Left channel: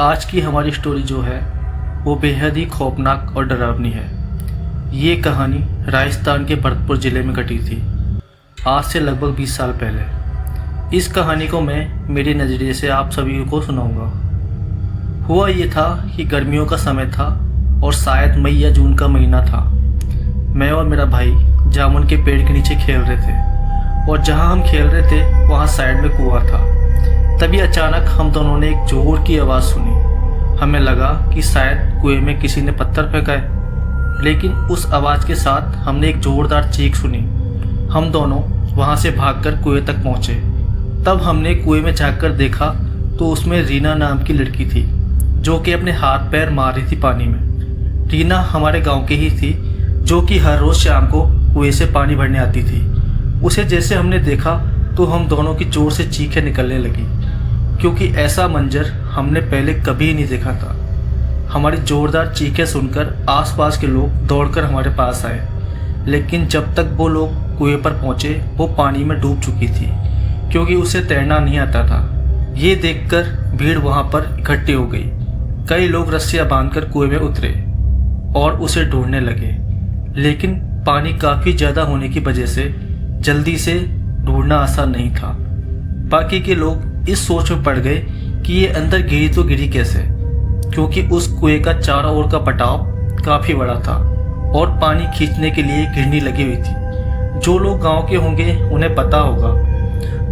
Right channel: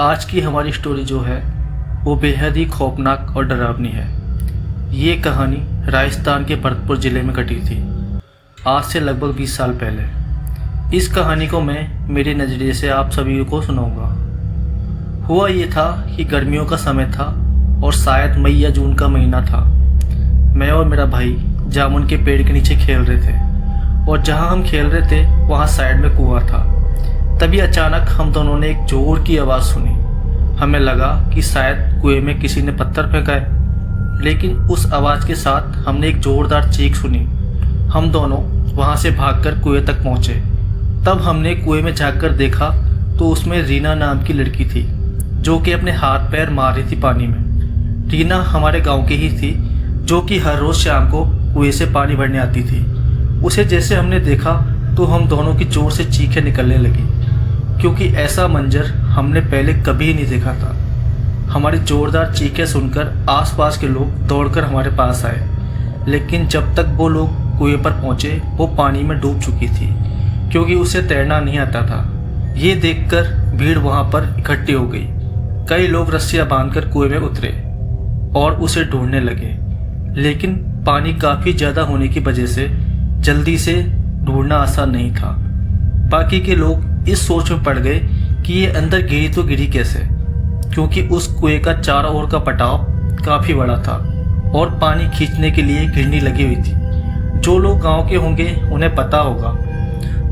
आज की हमारी स्टोरी जो है वो बेहद ही खौफनाक और डरावनी है। ये कहानी राजस्थान के भरतपुर ज़िले में घटी थी, आज से लगभग 20 साल पहले। इस कहानी को मैं मेरे नज़रिए से आप सभी को सुनाऊंगा। हुआ ये था कि गर्मियों का समय था और शायद मई या जून का महीना था। मैं और मेरा भाई जामुन के पेड़ के नीचे खेल रहे थे और जहाँ हम खेल रहे थे वहाँ साइड में कुआं था। तभी अचानक हम दोनों ने एक जोर की आवाज़ सुनी। हमें लगा कि शायद कुएं में किसी ने पत्थर फेंका है, लेकिन उस आवाज़ के साथ हमने एक ज़ोरदार चीख सुनी। हम दोनों वहाँ से भागकर कुएं तक पहुँचे। तब हमने कुएं में झांककर देखा तो उसमें रीना नाम की लड़की थी जो कि अपने हाथ पैर मार रही थी पानी में। रीना हमारे गांव की ही थी जो कि हर रोज़ शाम को कुएं से पानी भरने आती थी। उसे जैसे हमने देखा तो हम दोनों की ज़ोर से चीखें निकलने लगी, क्योंकि ऐसा मंजर हमने पहले कभी नहीं देखा था। हमारी ज़ोरदार चीखें सुनकर आसपास के लोग दौड़कर हमारे पास आए, लेकिन जब तक वो लोग कुएं पर पहुंचे वो पानी में डूब चुकी थी, क्योंकि उसे तैरना नहीं आता था। ये देखकर भीड़ वहां पर इकट्ठी हो गई। कई लोग रस्सियां बांधकर कुएं में उतरे और उसे ढूंढने लगे, लेकिन पानी काफ़ी ज़्यादा होने की वजह से जल्दी से ढूंढना आसान नहीं था। बाकी के लोग इस सोच में पड़ गए कि ये अंदर गिरी तो गिरी कैसे, क्योंकि उस कुएं का चारों ओर का पटाव काफ़ी बड़ा था और पानी खींचने के लिए घिरनी लगी हुई थी। जो लोग गांव के होंगे उन्हें पता होगा।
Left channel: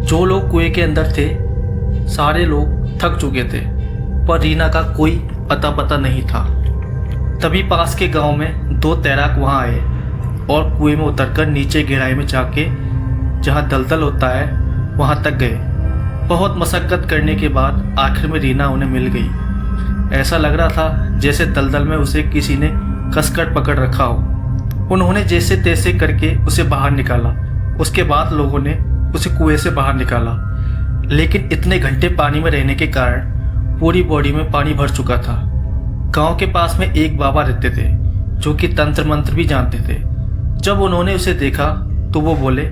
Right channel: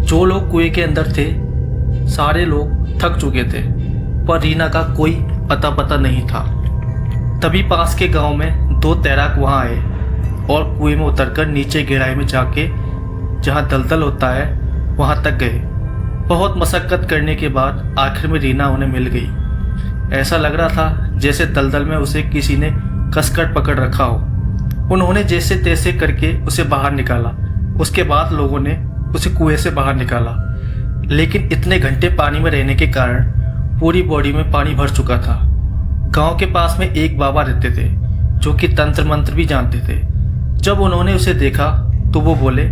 जो लोग कुएं के अंदर थे सारे लोग थक चुके थे, पर रीना का कोई पता नहीं था। तभी पास के गांव में 2 तैराक वहां आए और कुएं में उतरकर नीचे गहराई में जाके जहां दलदल होता है वहां तक गए। बहुत मशक्कत करने के बाद आखिर में रीना उन्हें मिल गई। ऐसा लग रहा था जैसे दलदल में उसे किसी ने कसकर पकड़ रखा हो। उन्होंने जैसे तैसे करके उसे बाहर निकाला। उसके बाद लोगों ने उसे कुएं से बाहर निकाला, लेकिन इतने घंटे पानी में रहने के कारण पूरी बॉडी में पानी भर चुका था। गांव के पास में एक बाबा रहते थे जो कि तंत्र मंत्र भी जानते थे। जब उन्होंने उसे देखा तो वो बोले,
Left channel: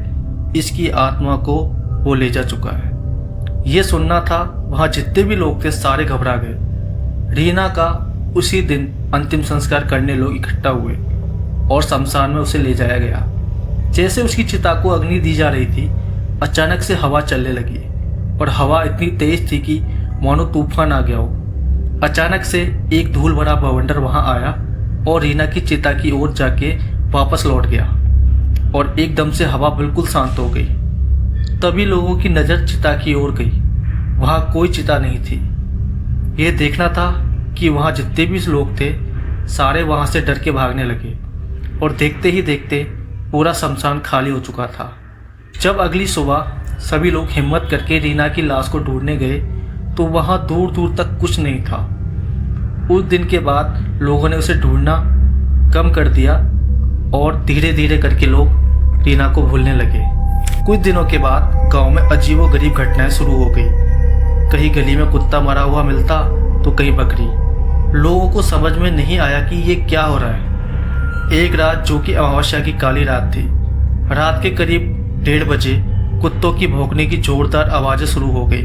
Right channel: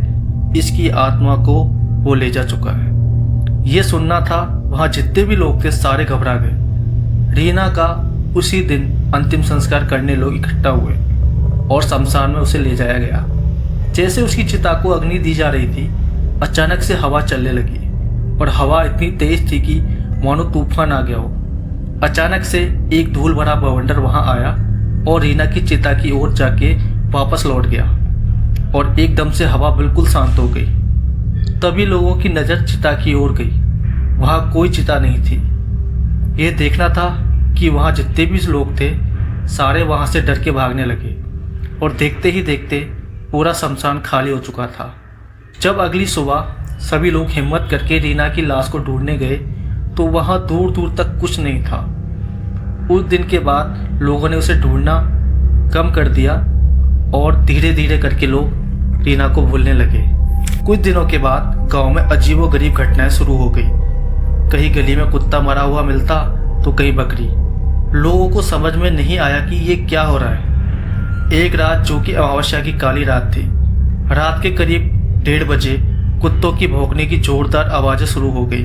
इसकी आत्मा को वो ले जा चुका है। ये सुनना था वहाँ जितने भी लोग थे सारे घबरा गए। रीना का उसी दिन अंतिम संस्कार करने लोग इकट्ठा हुए और शमशान में उसे ले जाया गया। जैसे उसकी चिता को अग्नि दी जा रही थी, अचानक से हवा चलने लगी और हवा इतनी तेज थी कि मानो तूफान आ गया हो। अचानक से एक धूल भरा बवंडर वहाँ आया और रीना की चिता की ओर जाके वापस लौट गया और एकदम से हवा बिल्कुल शांत हो गई। तभी लोगों की नज़र चिता की ओर गई। वहाँ कोई चिता नहीं थी। ये देखना था कि वहाँ जितने भी लोग थे सारे वहाँ से डर के भागने लगे और देखते ही देखते पूरा शमशान खाली हो चुका था। जब अगली सुबह सभी लोग हिम्मत करके रीना की लाश को ढूंढने गए तो वहाँ दूर दूर तक कुछ नहीं था। उस दिन के बाद लोगों ने उसे ढूंढना कम कर दिया और धीरे धीरे करके लोग रीना को भूलने लगे। कुछ दिनों के बाद गांव में अजीबोगरीब घटनाएं शुरू हो गई। कहीं गली में कुत्ता मरा हुआ मिलता तो कहीं बकरी। लोगों को समझ में नहीं आया कि ये क्या हो रहा है। एक रात जो कि अमावस्या की काली रात थी, रात के करीब 1:30 बजे कुत्तों की भौंकने की जोरदार आवाज़ें शुरू हो गई,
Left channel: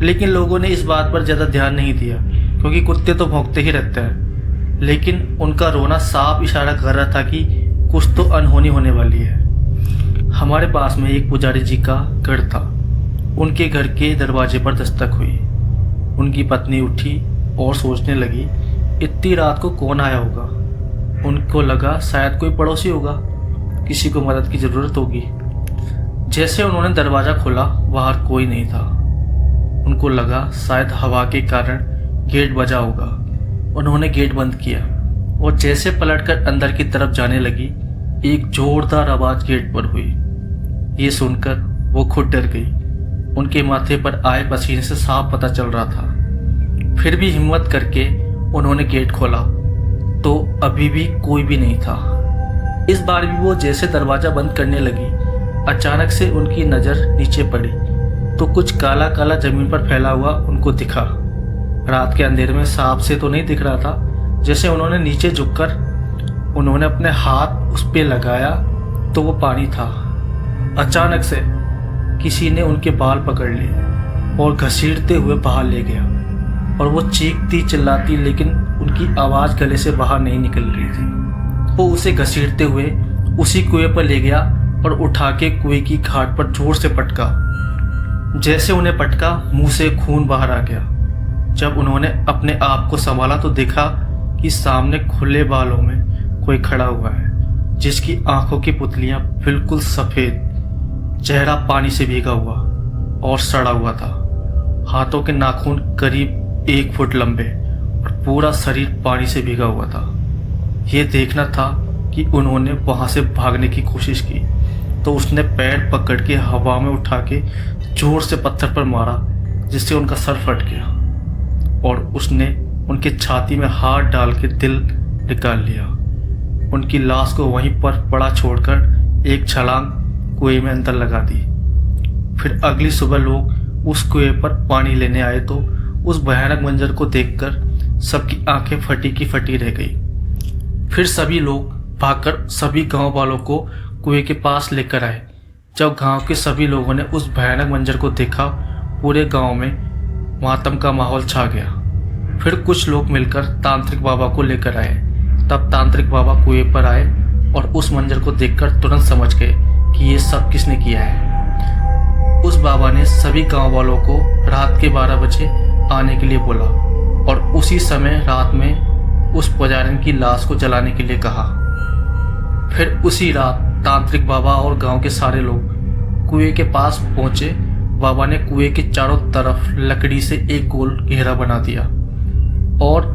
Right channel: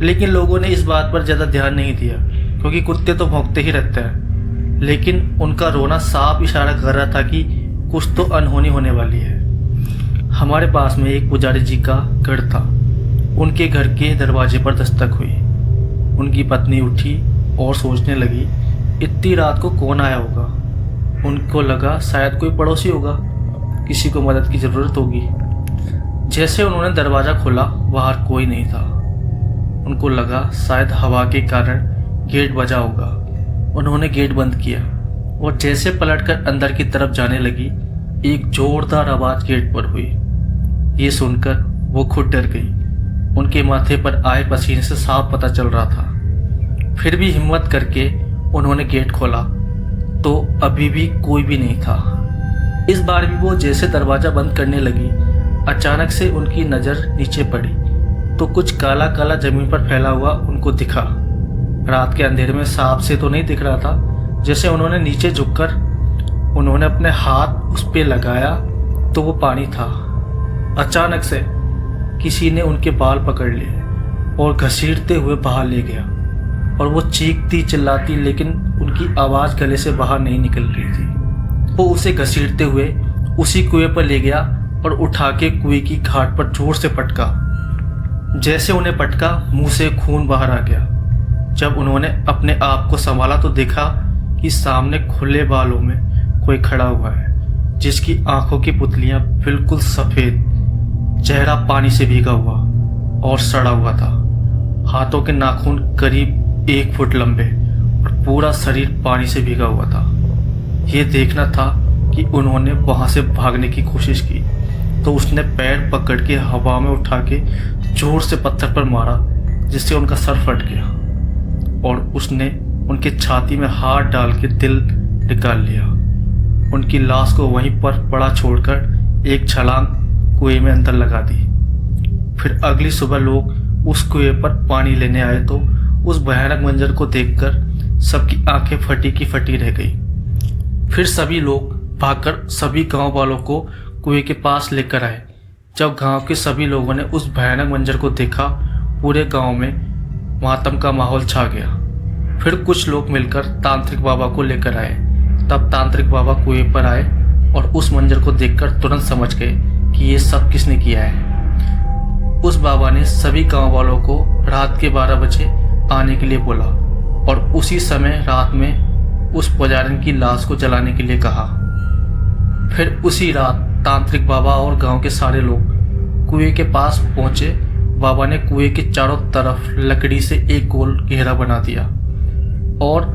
लेकिन लोगों ने इस बात पर ज़्यादा ध्यान नहीं दिया क्योंकि कुत्ते तो भौंकते ही रहते हैं। लेकिन उनका रोना साफ इशारा कर रहा था कि कुछ तो अनहोनी होने वाली है। हमारे पास में एक पुजारी जी का घर था। उनके घर के दरवाजे पर दस्तक हुई। उनकी पत्नी उठी और सोचने लगी, इतनी रात को कौन आया होगा। उनको लगा शायद कोई पड़ोसी होगा, किसी को मदद की ज़रूरत होगी। जैसे उन्होंने दरवाज़ा खोला बाहर कोई नहीं था। उनको लगा शायद हवा के कारण गेट बजा होगा। उन्होंने गेट बंद किया और जैसे पलटकर अंदर की तरफ जाने लगी, एक जोरदार आवाज़ गेट पर हुई। ये सुनकर वो खुद डर गई। उनके माथे पर आए पसीने से साफ पता चल रहा था। फिर भी हिम्मत करके उन्होंने गेट खोला तो अभी भी कोई भी नहीं था। इस बार भी वो जैसे दरवाज़ा बंद करने लगी, अचानक से उनकी नज़र नीचे पड़ी तो कुछ काला काला ज़मीन पर फैला हुआ उनको दिखा। रात के अंधेरे में साफ से तो नहीं दिख रहा था। जैसे उन्होंने नीचे झुककर उन्होंने अपने हाथ उस पर लगाया तो वो पानी था। अचानक से किसी ने उनके बाल पकड़ लिए और घसीटते हुए बाहर ले गया और वो चीखती चिल्लाती, लेकिन उनकी आवाज़ गले से बाहर नहीं निकल रही थी। वो उसे घसीटते हुए उसी कुएं पर ले गया और उठा के कुएं की घाट पर जोर से पटका। जैसे उन्हें पटका, मुंह से खून बाहर आ गया। जब उन्होंने अपने आप को संभाला तो देखा कि सामने खुले बालों में कोई खड़ा हुआ है, जिसकी आंखों की पुतलियां बिल्कुल सफ़ेद, चेहरा पानी से भीगा हुआ और सड़ा हुआ था। हाथों के नाखून करीब 1 फुट लंबे और पूरा शरीर पानी से भीगा हुआ था। ये देखना था कि उन्होंने वहाँ से भागने की कोशिश की तो उसने पैर पकड़ के हवा में उठा के जोर से पत्थर पर मारा, जिससे उनका सर फट गया और उसने उनके छाती में हाथ डाल के दिल निकाल लिया। उनकी लाश को वहीं पर पड़ा छोड़कर एक छलांग कुएं में अंदर लगा दी। फिर अगली सुबह लोग उस कुएं पर पानी लेने आए तो उस भयानक मंजर को देखकर सबकी आंखें फटी की फटी रह गई। फिर सभी लोग भागकर सभी गांव वालों को कुएं के पास लेकर आए। जब गांव के सभी लोगों ने उस भयानक मंजर को देखा, पूरे गांव में मातम का माहौल छा गया। फिर कुछ लोग मिलकर तांत्रिक बाबा को लेकर आए। तब तांत्रिक बाबा कुएं पर आए और उस मंजर को देखकर तुरंत समझ गए कि ये सब किसने किया है। उस बाबा ने सभी गांव वालों को रात के 12 बजे आने के लिए बोला और उसी समय रात में उस पुजारिन की लाश को जलाने के लिए कहा। फिर उसी रात तांत्रिक बाबा और गांव के सारे लोग कुएं के पास पहुंचे। बाबा ने कुएं के चारों तरफ लकड़ी से एक गोल घेरा बना दिया और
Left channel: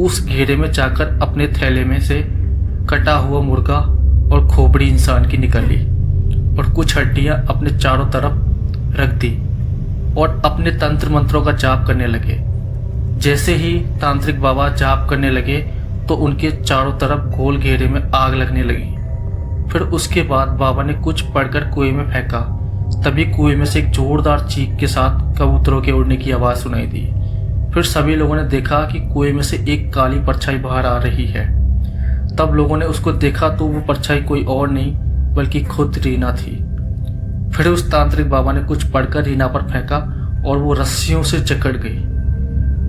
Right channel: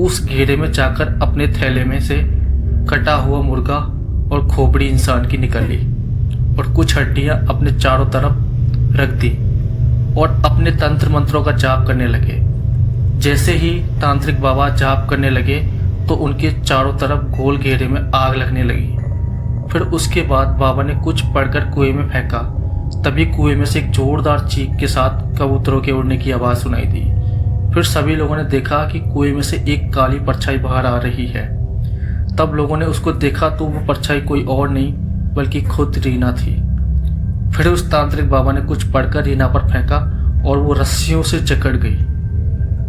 उस घेरे में जाकर अपने थैले में से कटा हुआ मुर्गा और खोपड़ी इंसान की निकाली और कुछ हड्डियां अपने चारों तरफ रख दी और अपने तंत्र मंत्रों का जाप करने लगे। जैसे ही तांत्रिक बाबा जाप करने लगे तो उनके चारों तरफ गोल घेरे में आग लगने लगी। फिर उसके बाद बाबा ने कुछ पढ़कर कुएं में फेंका। तभी कुएं में से एक जोरदार चीख के साथ कबूतरों के उड़ने की आवाज़ सुनाई दी। फिर सभी लोगों ने देखा कि कुएं में से एक काली परछाई बाहर आ रही है। तब लोगों ने उसको देखा तो वो परछाई कोई और नहीं बल्कि खुद रीना थी। फिर उस तांत्रिक बाबा ने कुछ पढ़कर रीना पर फेंका और वो रस्सियों से जकड़ गई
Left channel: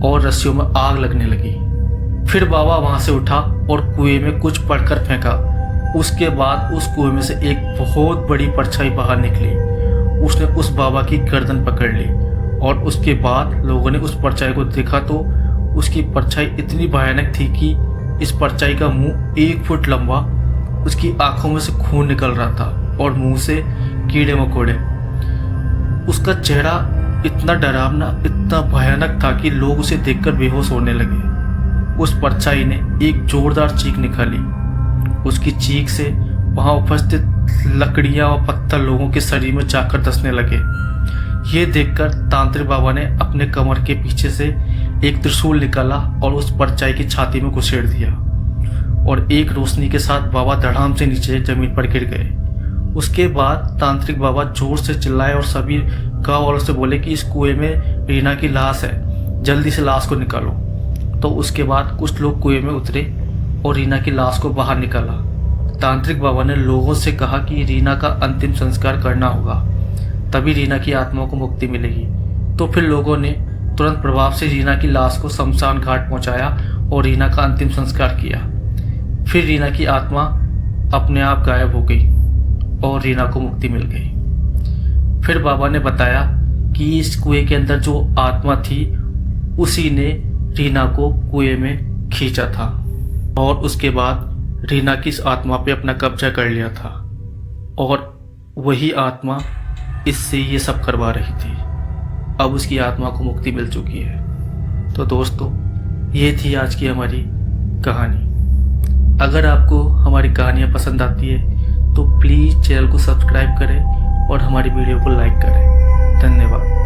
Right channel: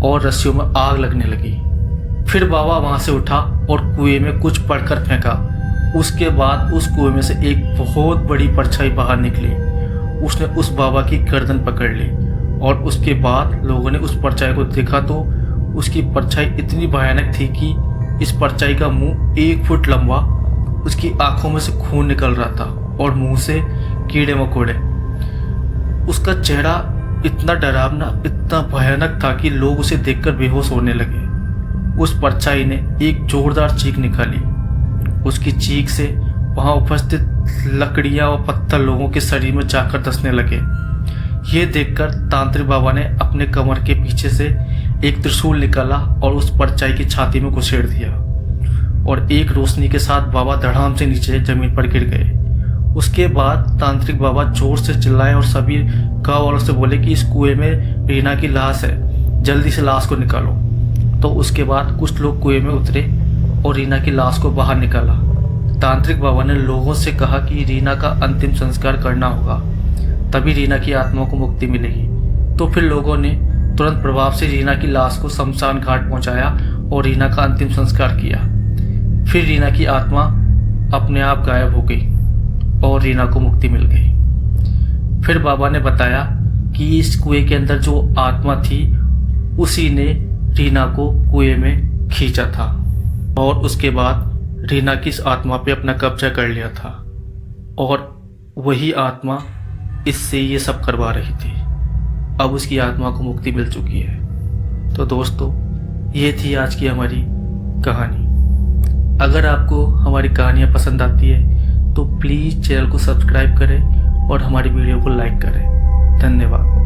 और रस्सियों में आग लगने लगी। फिर बाबा वहां से उठा और कुएं में कुछ पढ़कर फेंका। उसके बाद उस कुएं में से एक बहुत बड़ी परछाई बाहर निकली। उसने उस बाबा की गर्दन पकड़ ली और उसके बाद लोगों ने उस परछाई को देखा तो उसकी परछाई इतनी भयानक थी कि इस परछाई का मुंह 1 फुट लंबा, उसकी आंखों में से खून निकल रहा था और मुंह से कीड़े मकोड़े। उसका चेहरा इतना डरावना, इतना भयानक था कि लोग उसे देखकर बेहोश होने लगे। उस परछाई ने एक जोरदार चीख निकाली। उसकी चीख से वहां उपस्थित लकड़ियां और पत्थर लोगों के शरीर में जाकर धंसने लगे। ये देखकर तांत्रिक बाबा ने अपने कमर के पीछे से एक त्रिशूल निकाला और उस परछाई की छाती में घुसेड़ दिया और एक रोशनी के साथ बाबा धड़ाम से नीचे जमीन पर गिर गए। उसके बाद तांत्रिक बाबा जोर से चिल्लाए और सभी गाँव वालों से बोले कि इस कुएं में रीना की लाश है, जल्दी से लाश को निकालो। तो उसके बाद कुछ लोग कुएं में उतरे और रीना की लाश को बाहर निकाला। तांत्रिक बाबा ने लोगों से कहा कि रीना का अंतिम संस्कार करना होगा, तभी रीना की आत्मा को मुक्ति मिलेगी। तो फिर लोगों ने तुरंत प्रभाव से रीना की लाश को शमशान घाट पहुंचाया और रीना का अंतिम संस्कार किया। फिर रीना की आत्मा अपने आप गायब हो गई और रीना को मुक्ति मिल गई। फिर बाबा ने बताया कि इस कुएं के अंदर जो आत्मा थी उसी ने रीना को कुएं में खींचा था और उसके बाद रीना की इस आत्मा पे अपना कब्जा कर लिया था और वही आत्मा इससे ये सब करवा रही थी। अब उसकी आत्मा को मुक्ति मिल चुकी है। तो दोस्तों, ये थी आज की हमारी कहानी। अगर आपको हमारी कहानियाँ पसंद आती है तो प्लीज़ चैनल को सब्सक्राइब करें और हमारी वीडियो को लाइक करें। धन्यवाद।